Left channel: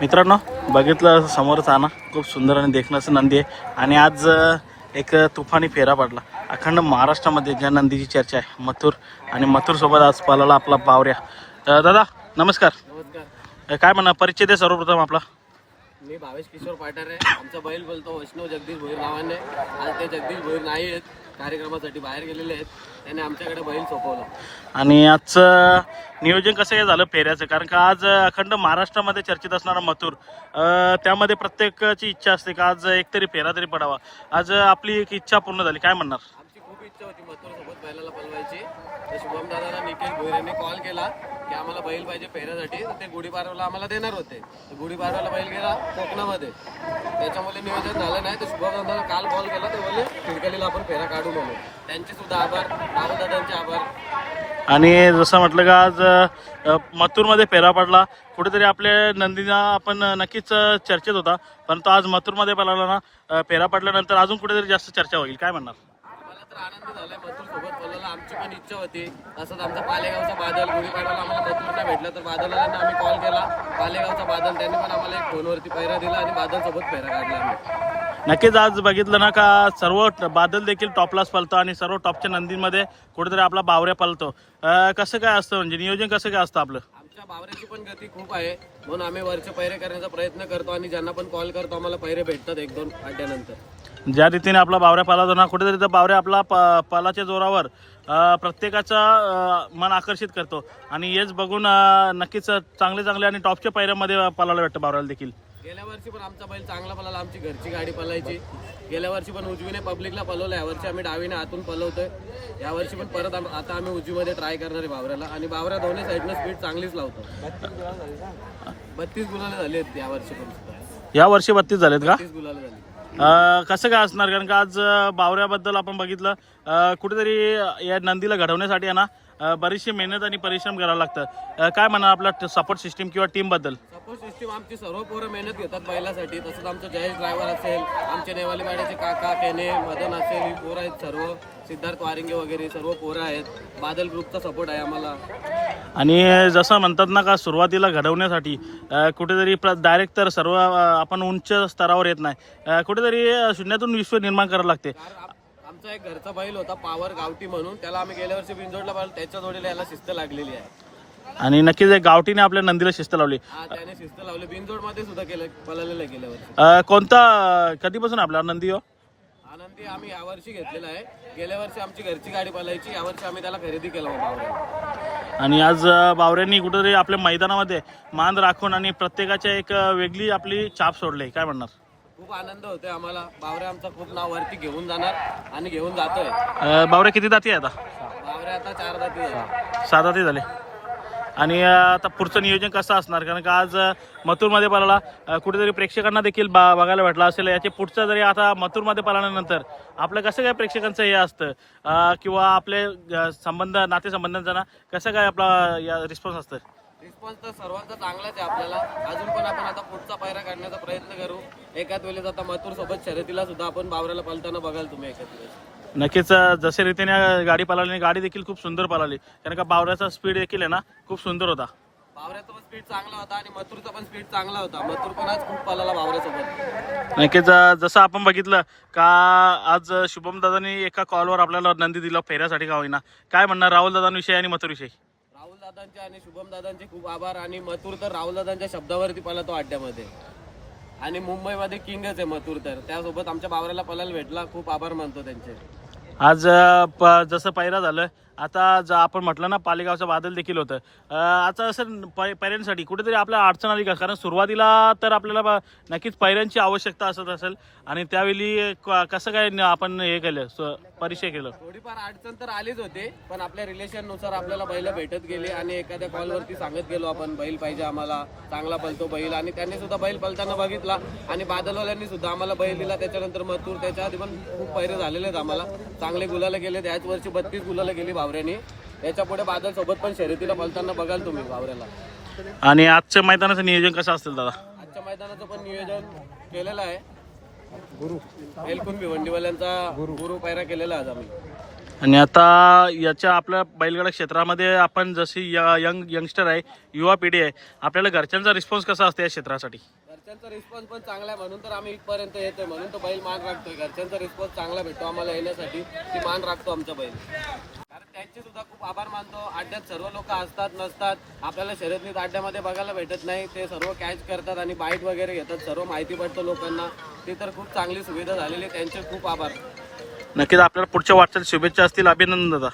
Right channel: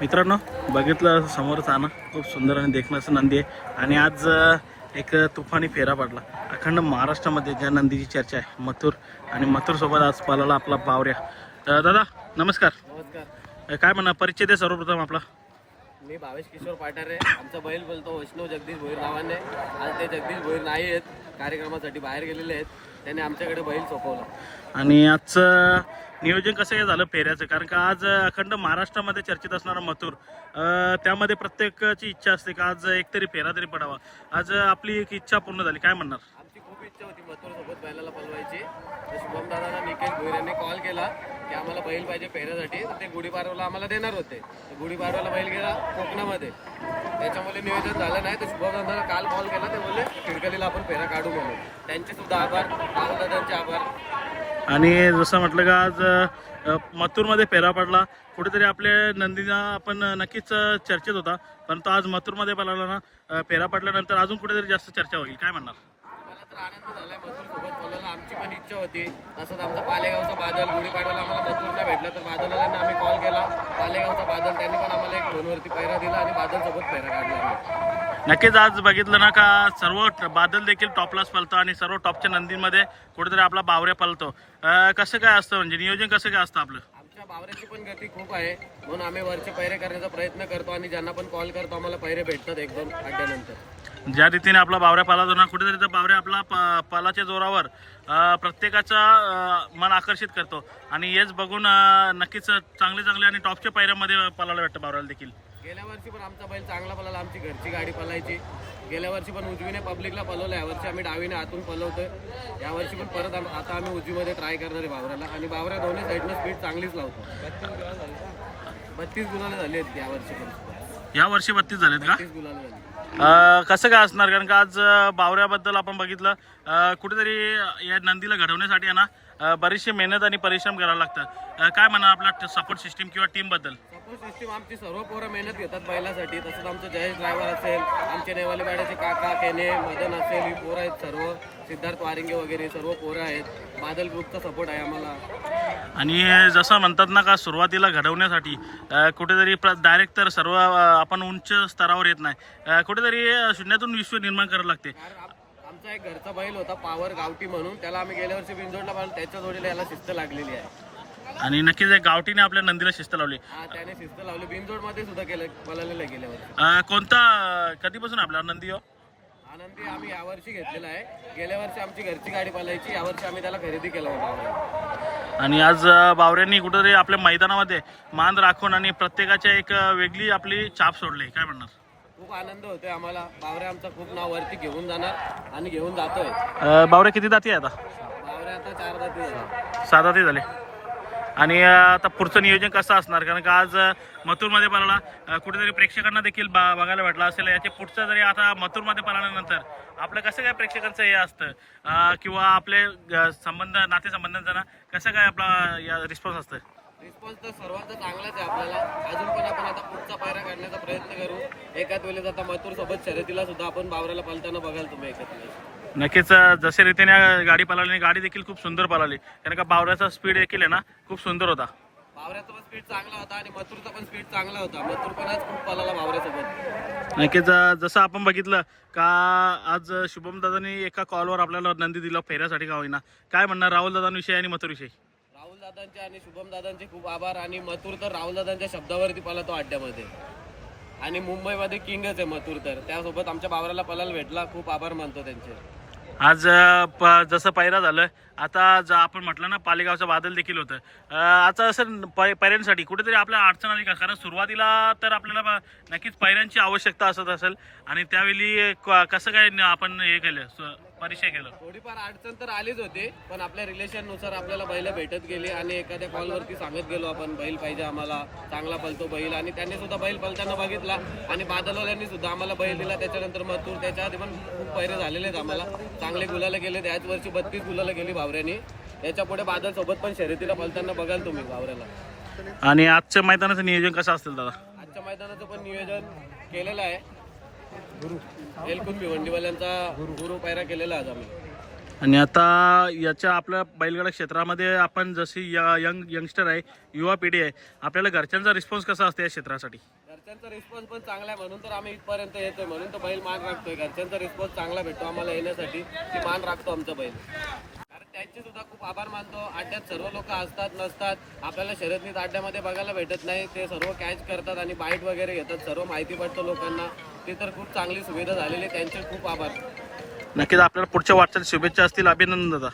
मित्रांनो बघितलं समोरच ना खूप सुंदर आणि देखणं असं नंदी आहे. आणि आज एक तुफानी फेरा पडला. अखंड महाराष्ट्रामध्ये ज्या नंदीची चर्चा आहे मथुर. आणि मथुरसोबत आज पळाला आपला बावऱ्या. दादा नमस्कार. काय म्हणा परिचय दे सर्वप्रथम आपला? मी भावेश किशोर पाटार आहे आमचा बैल बोलतो वैष्णव जगदीश भोईर नावाने. आज ते जगदीश भोईर नाही आहेत कार्यक्रमासाठी बाहेर गेलेले आहेत. त्याने आमच्याकडे बैल सोपवला. आणि आजचं नियोजन कसं काय झालं फेऱ्याचं? कारण का आज अखंड महाराष्ट्रामध्ये चर्चेत असणारा मथुर त्यामध्ये प्रत्येकाची इच्छा असते का आज एकतरी फेरा तरी पडावा? आज आपली एक इच्छा पूर्ण झाली. काय म्हणणार? आमची खूप इच्छा होती मथुर सोबत बैलाला पळवायची. तर शुभम दादाला भोईर यांनी कॉल केला की आम्हाला बैल पाहिजे फेऱ्यासाठी तर ते गुढीपाडव्याला आम्हाला देणार होते. गुढीपाडव्याला बैल गेला कोकणामध्ये. त्याच्यामुळे नियोजन झालं नाही. तर शुभम दादाला काल कॉल केला. ते बोलले खिडकलीला आपण फेरा काढू म्हणून. त्यांचे सुद्धा आभार. राहुल दादांचे आभार. आणि जसं म्हटलं का आज मथूरमध्ये मथुरमध्ये फेरा पडला. कुठेतरी आपल्या नंदीना आपण नक्कीच चर्चेत होता. परंतु आज मथुरमध्ये पडला ना फेरा पडल्यानंतर अजून कुठेतरी जास्त चर्चा होईल. काय म्हणणार? तर आनंद झालाय मथुर सोबत बोलायला. आमची पण इच्छा होती. तसंच आमचा पालेगावचा बादल गुढीपाडवाला आम्हाला मथुर नाही भेटला तर बादलवाल्यांना आम्ही कॉल केला. पालेगावचा बादल त्यांनी पण आम्हाला एक फोनवरती पैरा दिला आणि बादल सोबत पैरा काढला आम्ही. नक्कीच आज बघितलं ना का सर्व बादल देखील टॉपलाच पलतो आणि सर्व टॉपच्या नंदींमध्ये कुठेतरी आपला बावऱ्या पलतो. कसं काय असतं म्हणजे नियोजन कसं काय असतं आपलं? आमच्या बावऱ्याची पण गती खूप आहे. म्हणून आम्ही वरचे पैरे करण्याचा प्रयत्न करतो आणि ज्यांना पण कॉल करतो आम्हाला पैरे भेटतात एक दोन अड्ड्यानंतर ज्या रीतीने आपला बावऱ्या पालातो ना कुठेतरी त्या बावऱ्या आपला प- पालाच्या जोरावर प्रत्येकाचा मन आकर्षित करतो. आणि हेच बघून नक्कीच चांगले चांगले आणि टॉपच्या पायऱ्यामध्ये पालायला भेटतं बावऱ्याला देखील. गेल्या वर्षी पण आमचा बैल चांगला पळाला आमची घरची गाडी पळायची. गेल्या वर्षी पण उजवीने पब्लिकला पळवलं यावर्षी आम्ही डावीने आतून पळवतोय. यावर्षी पण परत आता आम्ही उजवीमध्ये ट्राय करणार आहे बावऱ्याला. आणि बावऱ्या दोन्ही साईडनं स्पीड चांगलीच लावतो. बत्तीस गुलाले झाली आहेत यावर्षी पण. या वर्षी बत्तीस झालेत का? बत्तीस गुलाले झाली. कसं काय असणार? कारण का आज बावऱ्याबद्दल आपण बघितलं. कुठेतरी या नंदीला घडवण्यासाठी आहे ना बरीचशी मेहनत आणि परिश्रम करावं लागतं. काय म्हणा आपला सपोर्ट सिस्टीम किंवा टीमबद्दल? सपोर्ट सिस्टीम आमची सर्व पोरं मेहनत घेतात बैलासाठी. तसंच आमचं जयेश ड्रायव्हर असेल आमचे नेवाले बाड्याचे काका केने मदन असेल ही पोरं आहेत सर्व. सिद्धार्थ वारिंगे वगैरे सर्व पोरं आहेत. बादल ग्रुपचा सपोर्ट आहे आम्हाला. आणि जसं म्हणतात ना का सुरुवातीला घडवण्यासाठी कुठेतरी डायरेक्ट तर सर्व आपण उंच स्तरावर येत नाही. कुठेतरी शून्यातून विश्व निर्माण करावं लागते. आमचा एक घरचा बैल होता पावर गावठी म्हणून. त्याला आम्ही गेल्या वर्षी बिंजोडला पाहिलं त्याच्या जोडीला याला शिस्त लागलेली आहे. आणि नक्कीच एक गावठीने आपल्या नंदीला शिस्त लावली. हा त्याने शिस्त लावली. बिंजोडमध्ये सुद्धा केलं पळालेलं आहे गेल्या वर्षी. कोणता कधीपासून आपला नंदी हो? आनंदी आम्ही यावर्षी घेतलेला आहे. गेल्या वर्षी आमची घरची गाडी पळायची यावर्षी आम्ही त्याला खरेदी केलं बावऱ्याला आणि आज बावऱ्यांनी कुठेतरी आपल्या मैदानामध्ये मान राखून आणि प्रत्येकाच्या एक वेगळी आपली छाप सोडली. काय म्हणणार? खूप आनंद होतोय आम्हाला. बावऱ्या आमचा खूप नाव वरती घेऊन जाणार आणि घेऊन जातोय. बावऱ्या किती दाती आहे आता? बावऱ्या आता चार जाती झाल्या. सहा दाती झाले. आणि आता पुढचं नियोजन कसं असणार? कारण का आज मथुरमध्ये पळाला कुठेतरी प्रेक्षकांना देखील बा बघायला भेटला असेल. याचे पुढचं जरी आता मथुरमध्ये पळाल्यानंतर आपलं कसं काय प्रेक्षकांचं हे असतं? किंवा आपले संबंध नातेसंबंधांचा ना कसं काय आपला या रिस्पॉन्स असतं रिस्पॉन्स तर सर्वांचा चांगलाच आहे आपल्याला. अजून पण आपण आता पुढचा पायरा काढण्याचा प्रयत्न करू. एकाच वेळेस आता मथुर सोबत शर्यतीला सुद्धा आपण बावऱ्याला पालताना बघाल तुम्ही एकाच वेळेस. नक्कीच जसे रीतीने गाडी पळाली गाडी देखील खूप सुंदर पळाली. कारण का बावऱ्याचा स्पीड देखील आहे ना खूप सुंदर होता. बावऱ्याचा पण स्पीड चांगला होता आणि मथुरचा पण स्पीड चांगला होता. मथुर पण आज खूप पळाला बावऱ्यासोबत. नक्कीच जसं आपण बघितलं का आज शुभम दादानी एका कॉलवर आपल्याला नंदी दिला फेऱ्यासाठी का होईना. काय म्हणणार राहुल दादांविषयी आणि मथुरविषयी राहुल दादांचे आणि शुभम दादांचे खूप आभार आणि मथुर तर राहुल दादांच्या शब्दावरती पळतो अड्ड्यामध्ये. आणि मुंबईमध्ये किंगच आहे मथुर तर. त्यासोबत आमच्या बावऱ्याला पळायला भेटला. खूप आभार मानतो त्यांचे. आज प- जसं पैरा झालं आता ज आपण म्हटलं ना पालेगावचं बादल देखील होतं. आता असं पै पैऱ्यांसाठी कुठेतरी आपल्या अडचण आली का? कारण सुरुवातीला तर आपल्याला नक्कीच पैऱ्यांची आवश्यकता असत असेल. आणि त्यावेळी क- कसं काय आपण हे केलं स- परिचय केलं? थोडीफार अडचण तर आलीच होती पण आपल्या रिलेशननुसार आपल्याला बैल भेटत गेली आणि एखाद्या कॉलवरती सांगत गेलो आपण बैल पाहिजे आम्हाला चांगला पलतो बैल. आणि त्यांनी सुद्धा बैल पलताना बघितला आणि बादलवाल्यांनी सुद्धा आम्हाला बैल दिला. त्याच्यानंतर मथूर त्याच्या आधी पण खूप पैरे झालेले आहेत आम्हाला. चांगले गुलाला गेले त्याच वर्षी बत्तीस गुलाला गेली भावऱ्यानी त्याच्या पुढे बादल सोबत पण शर्यतीला पलताना बघाल तुम्ही भावऱ्याला आणि आजच्या मैदानाचं नियोजन कसं असेल दादा? आजच्या मैदानाचं पण नियोजन केलेलं आहे. एलकुन भिवंडीवाल्यांचा गुरु पायरा केलेला आज आम्ही. आणि आता याच्या आपल्या बैलगाडा क्षेत्रामध्ये आपण जशी य- यंग यंगस्टर आहे युवा पिढी आहे आपल्याला घरच्यांचा रिस्पॉन्स कसा असतो या क्षेत्रासाठी? घरच्यांचा रिस्पॉन्स पण चांगला आहे. म्हणून तर आम्ही इथपर्यंत येतोय. म्हणून तर बैल मान राखतोय. घरच्यांचा रिस्पॉन्स चांगला भेटतो आम्हाला येण्यासाठी. की मान राखतो आमचा बैल. त्यांचे सुद्धा खूप आभार मानतो. अड्ड्यात सर्व लोक असतात नसतात. आपल्याला शर्यतनीत अड्ड्यामध्ये बघायला भेटत नाही. ते सर्व कॅच करतात आणि बाईट वगैरे घेतात. सर्व माहिती पडतं लोकांना. ते तर खूप चांगली सुविधा झालेली आहे. त्यांचे खूप आभार. नक्कीच आपल्याला पुढच्या वाटचाल शुभेच्छा असतील. अभिनंदन दादा.